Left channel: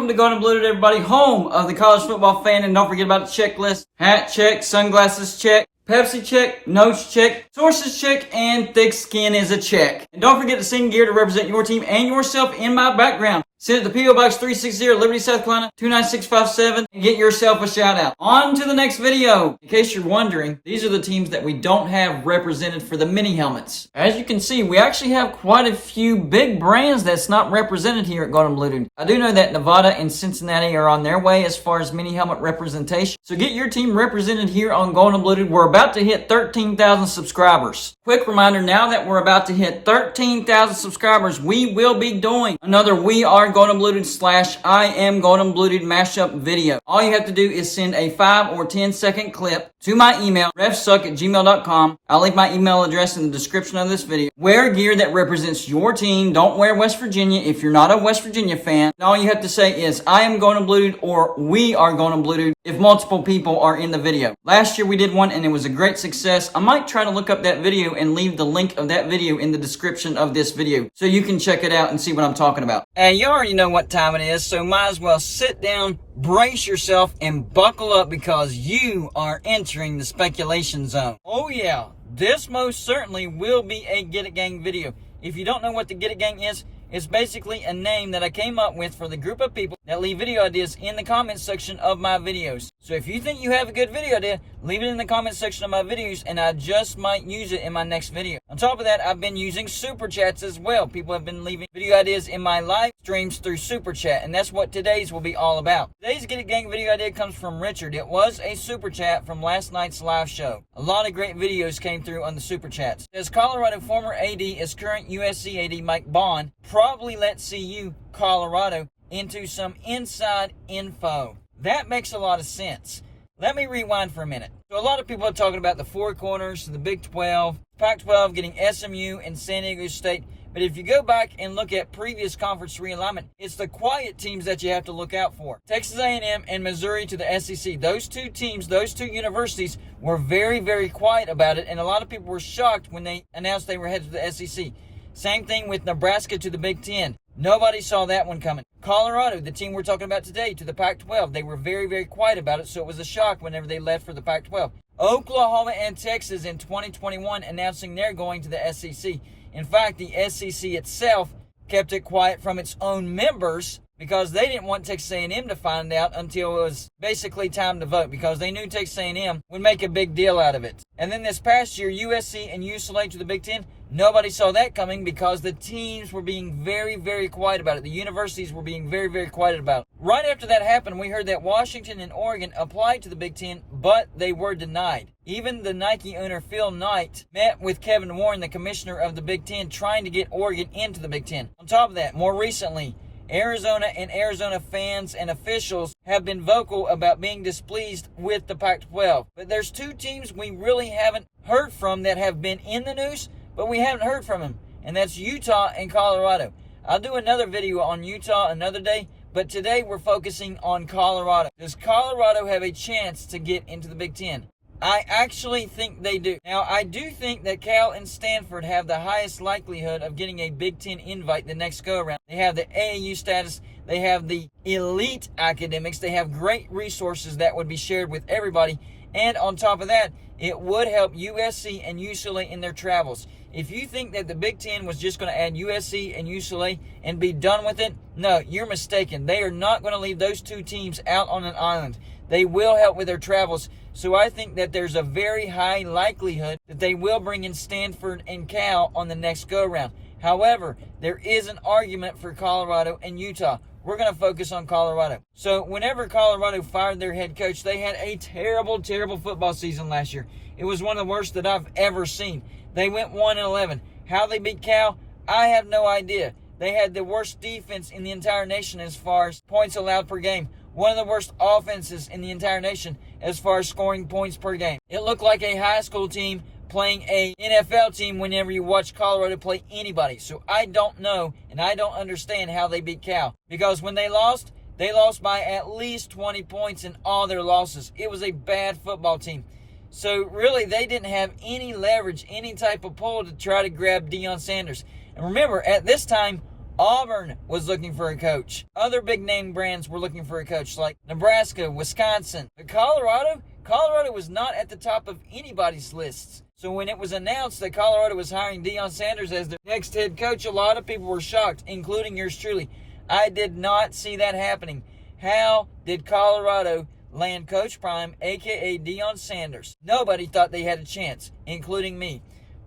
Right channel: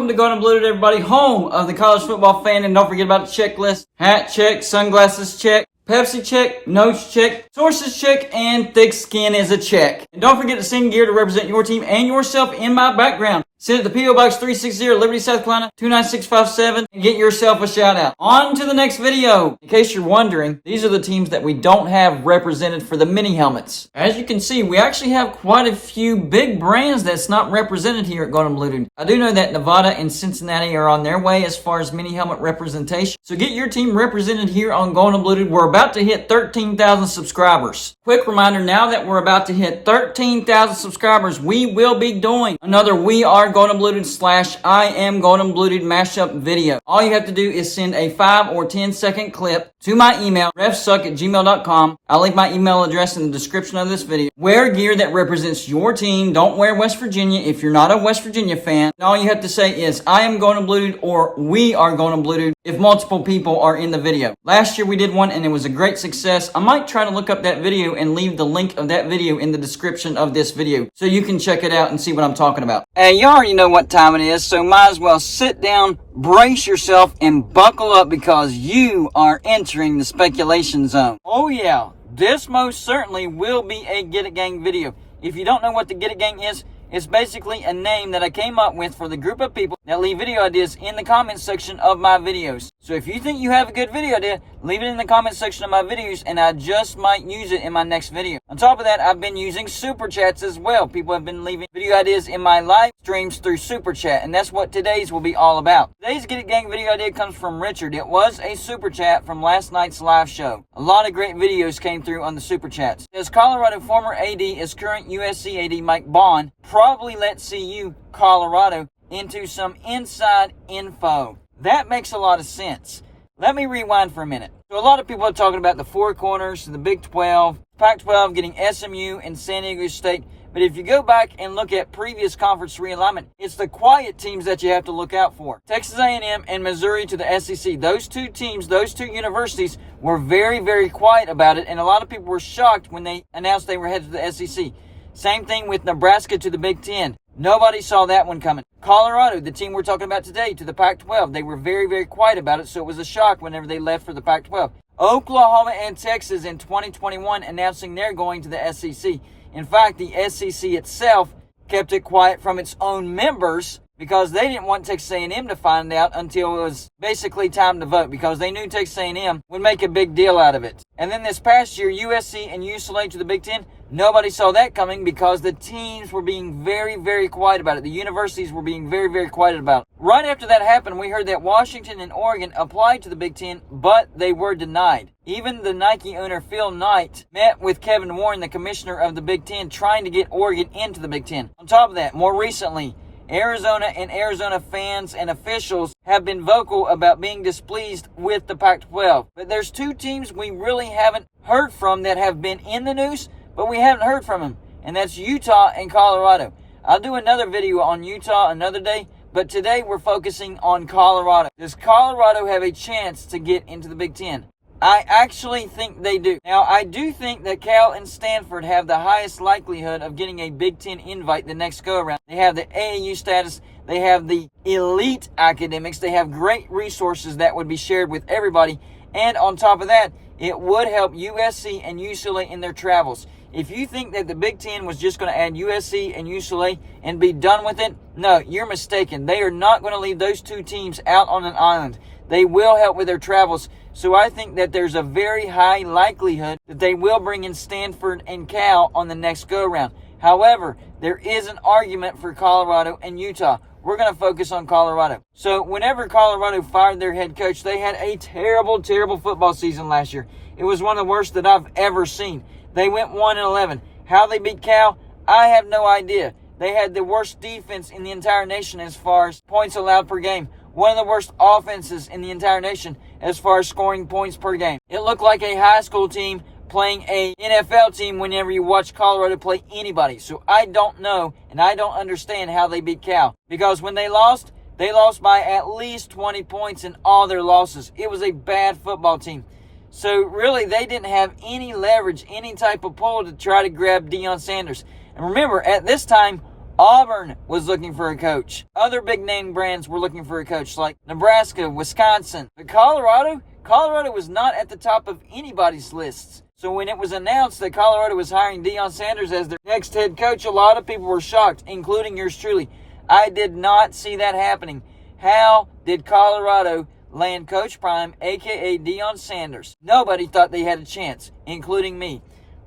Welcome to Golden Blue, everybody, home of the college football fan. And don't forget about the checklist. Hat check, sunglasses check, Pepsi check, notes check, sources check, and thick skin is a check. And don't forget to sing gear to represent your team and yourself in my background. Send it to P.O. Box 360, Liberty, South Carolina, 29657, and get yourself a shout out. On to the next video. In case you're wondering, these are the teams that we don't have represented for the mini helmets. As you can see, we actually have quite a few big brands that's not represented here at Golden Blue. I do know that Nevada and Cincinnati are on their way as far as mini helmet representation. So get your team represented here on Golden Blue. We're about to hit 13,000 subscribers. Quick reminder, now that we're about to hit 13,000 subscribers, we will be doing another We Are Golden Blued / I Am Golden Blued mashup video. All you have to do is send a 5 or 10 second clip to my email, refsuck@gmail.com. I'll link my email address in the description of this video. Wear gear that represents your team. Don't wear West Virginia if you're not a West Virginia fan. And all you have to say is, I am Golden Blued or We Are Golden Blued if multiple people are in the video. Last year we did one and it was a great success. I might try to look up that video and leave the link of that video in the description of this video so you can check it out and see what I'm talking about. Hey, you already know what time it is, so might as well sit down, brace yourself, and buckle up because you are entering the speculation zone. Oh yeah, this most certainly will be a Get It Gang video. If you don't know what the Get It Gang is, it's basically a name that I came up with for the group of people that leave video ideas in the comments section of my videos. So if you think you have a good video idea, leave it in the comments section of my videos and I just might use it in my next video. On top of that, I've been using super chats as well. People have been leaving video ideas in my live streams through super chat, and that's what today's will be all about. Today's Get It Gang video idea comes from Richard. It was a super chat from last night's live show. A lot of great videos came through on the super chats. As Colorado former AD is current USC AD Mike Bond probably let CU Colorado into some inside info. That makes a lot of sense. Let me rewind for a minute. So a lot of people are talking about the four corners, the Big 12, Pac-12 getting SMU and San Diego State. But if you go back and look at previous conference realignment, it's the quiet teams that you have to look out for. Texas A&M and Missouri to the SEC. Those two teams, those two universities were very, very quiet about it. And a lot of people were shocked when they announced they were headed to the SEC. Same thing with Nebraska to the Big 10. Nobody saw that one coming. Colorado, the team we're talking about today, to the Pac-12. They were very, very quiet about it, so it was a shock whenever they left for the Pac-12. Oklahoma and Texas in 2021 announcing they're going to the SEC. In fact, the SEC itself kept it quiet from its own members because they didn't want Texas A&M to find out until it was basically time to vote because they knew Texas A&M would make a big deal out of it. And then this past year, USC and UCLA to the Big Ten, nobody saw that coming because the teams were being very, very quiet about it. The universities were being very, very quiet about it. Right after that happened, we heard that Washington and Oregon applied to the Big Ten, but they were denied. Even the Nike owner, Phil Knight, met with Kevin Warren, the commissioner of the Big Ten, trying to get Oregon into the Big Ten. On top of that, more recently, Arizona and Arizona fans and officials have been vocal about being displeased with the Pac-12. But there's two teams we really haven't heard from that have been in the news, but we haven't heard from them, and that's Utah and Colorado. I'll do another video on Utah another day, but today we're focusing on Colorado. Does Colorado have a chance to get into the Big Ten? I actually think they do. Now, I do think that Cal and Stanford have the highest likelihood of getting a Big Ten invite the next go-around. They have the AAU status. They have the elite academics. They have great resources that would be shared with everybody. And on top of that, it would help USC and UCLA in their travels. If you think that the Big Ten was just going to add USC and UCLA and be done with it, no, you're mistaken. They are not going to leave those two teams out on an island. They will help with their travels. So I think that there's a very high likelihood that they will bring in Stanford and Cal on the next go-around. However, there is an argument for Colorado and Utah. We're going to focus on Colorado. So whenever Colorado fired their head coach, they had a terrible, terrible football season last year. It was one of the worst that I've ever seen. They went 1-11. How they beat Cal, I have no idea. They had the worst defense in the entire nation as far as points allowed per game. One of the worst offenses in the entire nation as far as scoring points per game. It looked like a high school team playing a NFL team whenever you watch Colorado play anybody. So I don't know and I don't understand how they beat Cal. Because when they lost by at least 20 points in all their losses. It was a bad football team. So really they didn't have any leverage, any type of pull to try to grab Deion Sanders. And remember, at this time, Auburn was looking for a coach. Other big name brands were looking for a coach like Nebraska, Wisconsin. But Colorado was not at the top of anybody's lists. So when it was announced that Colorado was hiring Deion Sanders as their next head coach, a lot of people were shocked, including yours truly. I did not see that happening. How did Colorado land Coach Prime, a.k.a. Deion Sanders? Nobody thought they had a chance, including me.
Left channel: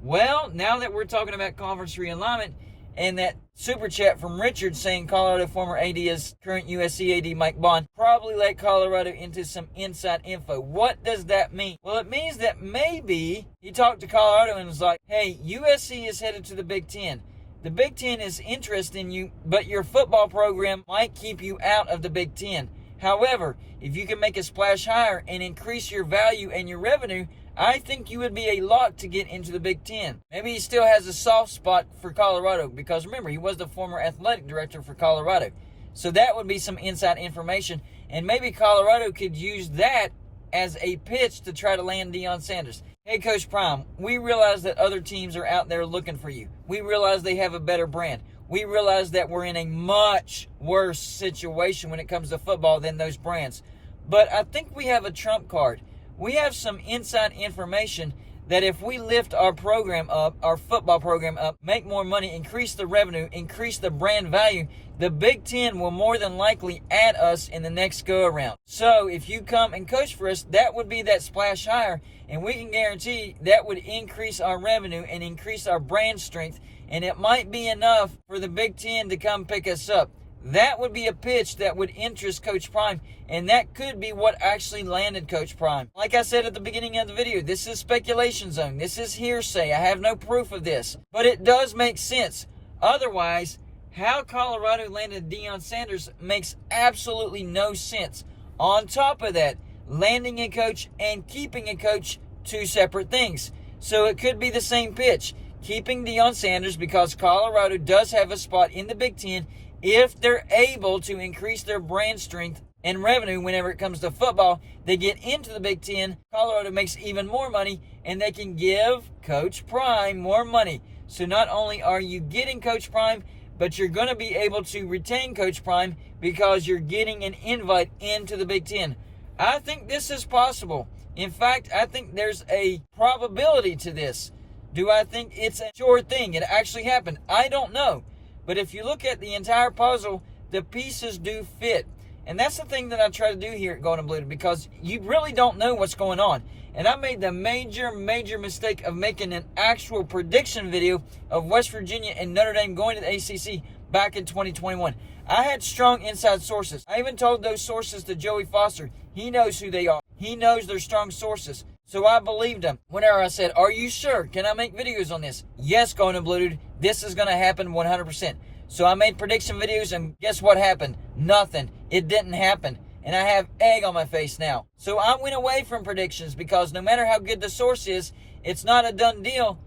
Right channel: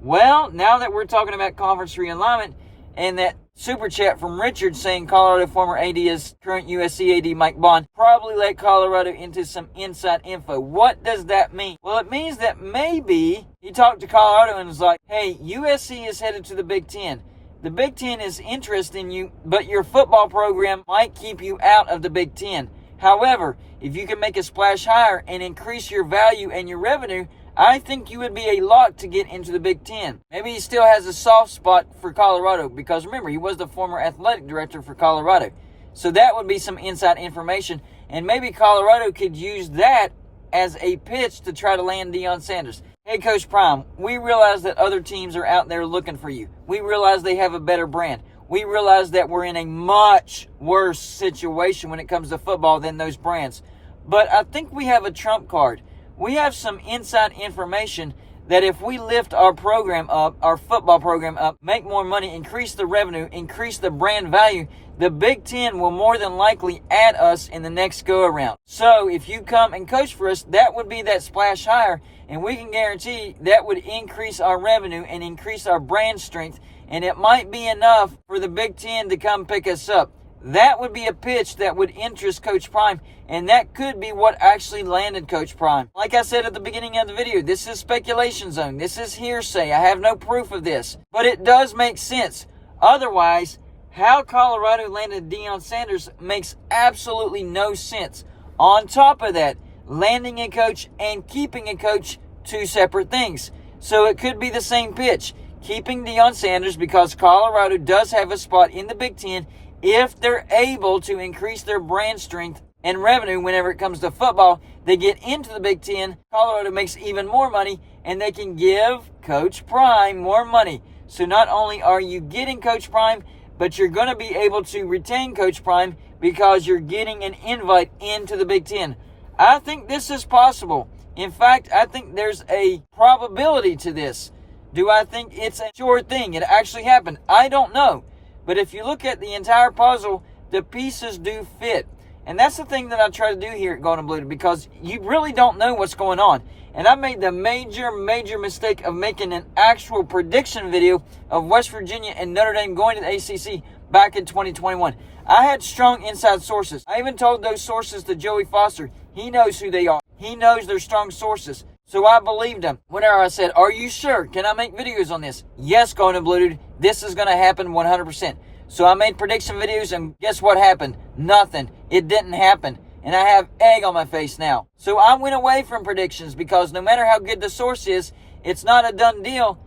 Well, now that we're talking about conference realignment and that super chat from Richard saying Colorado former AD is current USC AD Mike Bond probably let Colorado into some inside info. What does that mean? Well, it means that maybe he talked to Colorado and was like, hey, USC is headed to the Big Ten. The Big Ten is interested in you, but your football program might keep you out of the Big Ten. However, if you can make a splash higher and increase your value and your revenue, I think you would be a lock to get into the Big Ten. Maybe he still has a soft spot for Colorado because remember, he was the former athletic director for Colorado. So that would be some inside information. And maybe Colorado could use that as a pitch to try to land Deion Sanders. Hey, Coach Prime, we realize that other teams are out there looking for you. We realize they have a better brand. We realize that we're in a much worse situation when it comes to football than those brands. But I think we have a trump card. We have some inside information that if we lift our program up, our football program up, make more money, increase the revenue, increase the brand value, the Big Ten will more than likely add us in the next go-around. So if you come and coach for us, that would be that splash higher, and we can guarantee that would increase our revenue and increase our brand strength, and it might be enough for the Big Ten to come pick us up. That would be a pitch that would interest Coach Prime, and that could be what actually landed Coach Prime. Like I said at the beginning of the video, this is speculation zone. This is hearsay. I have no proof of this. But it does make sense. Otherwise, how Colorado landed Deion Sanders makes absolutely no sense. On top of that, landing a coach and keeping a coach, two separate things. So it could be the same pitch. Keeping Deion Sanders because Colorado does have a spot in the Big Ten if they're able to increase their brand strength and revenue whenever it comes to football. They get into the Big Ten, Colorado makes even more money, and they can give Coach Prime more money. So not only are you getting Coach Prime, but you're going to be able to retain Coach Prime because you're getting an invite into the Big Ten. I think this is possible. In fact, I think there's a probability to this. Do I think it's a sure thing? It actually happened? I don't know. But if you look at the entire puzzle, the pieces do fit. And that's the thing that I try to do here at Golden Blue, because you really don't know what's going on. And I made the major mistake of making an actual prediction video of West Virginia and Notre Dame going to the ACC back in 2021. I had strong inside sources. I even told those sources to Joey Foster. He knows who they are. He knows they're strong sources. So I believed him. Whenever I said, are you sure? Can I make videos on this? Yes, Golden Blue Dude. This is going to happen 100%. So I made prediction videos, and guess what happened? Nothing. It didn't happen. And I have egg on my face now. So I went away from predictions because no matter how good the source is, it's not a done deal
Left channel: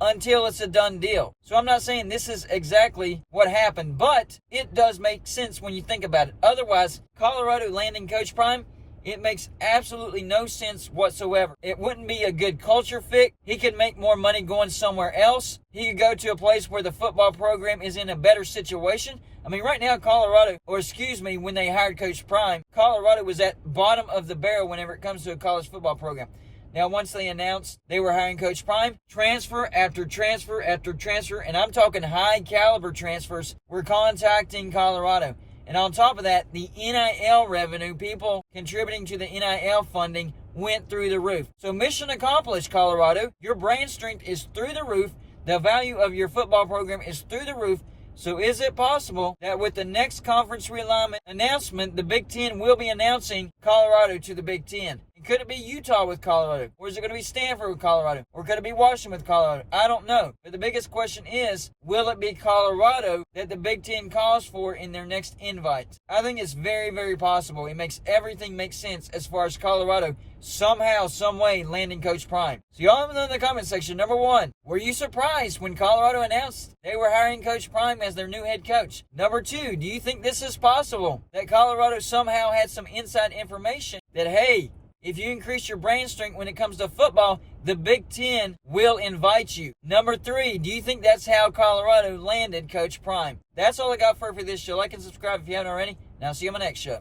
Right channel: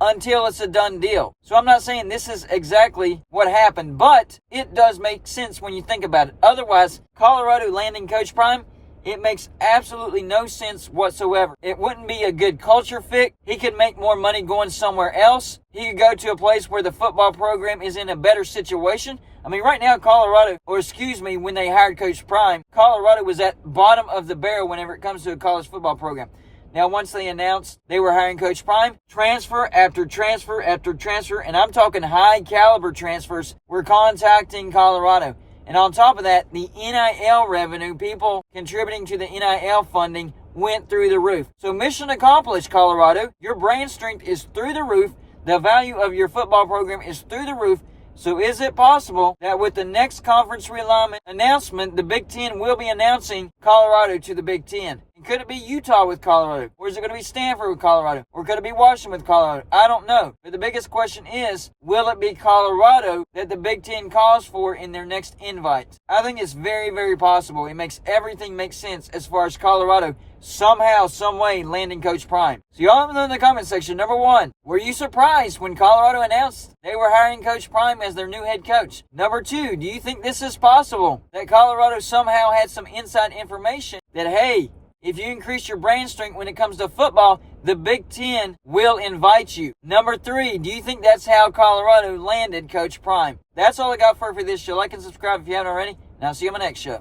until it's a done deal. So I'm not saying this is exactly what happened, but it does make sense when you think about it. Otherwise, Colorado landing Coach Prime, it makes absolutely no sense whatsoever. It wouldn't be a good culture fit. He could make more money going somewhere else. He could go to a place where the football program is in a better situation. I mean, right now, when they hired Coach Prime, Colorado was at bottom of the barrel whenever it comes to a college football program. Now, once they announced they were hiring Coach Prime, transfer after transfer after transfer, and I'm talking high caliber transfers, were contacting Colorado. And on top of that, the NIL revenue, people contributing to the NIL funding, went through the roof. So mission accomplished, Colorado. Your brand strength is through the roof. The value of your football program is through the roof. So is it possible that with the next conference realignment announcement, the Big Ten will be announcing Colorado to the Big Ten? And could it be Utah with Colorado? Or is it going to be Stanford with Colorado? Or could it be Washington with Colorado? I don't know. But the biggest question is, will it be Colorado that the Big Ten calls for in their next invite? I think it's very, very possible. It makes everything make sense as far as Colorado somehow, some way landing Coach Prime. So y'all let me know in the comment section. Number one, were you surprised when Colorado announced they were hiring Coach Prime as their new head coach? Number two, do you think this is possible? That Colorado somehow had some inside information that, hey, if you increase your brain strength when it comes to football, the Big Ten will invite you. Number 3, do you think that's how Colorado landed Coach Prime? That's all I got for this show. Like and subscribe if you haven't already, and I'll see you on my next show.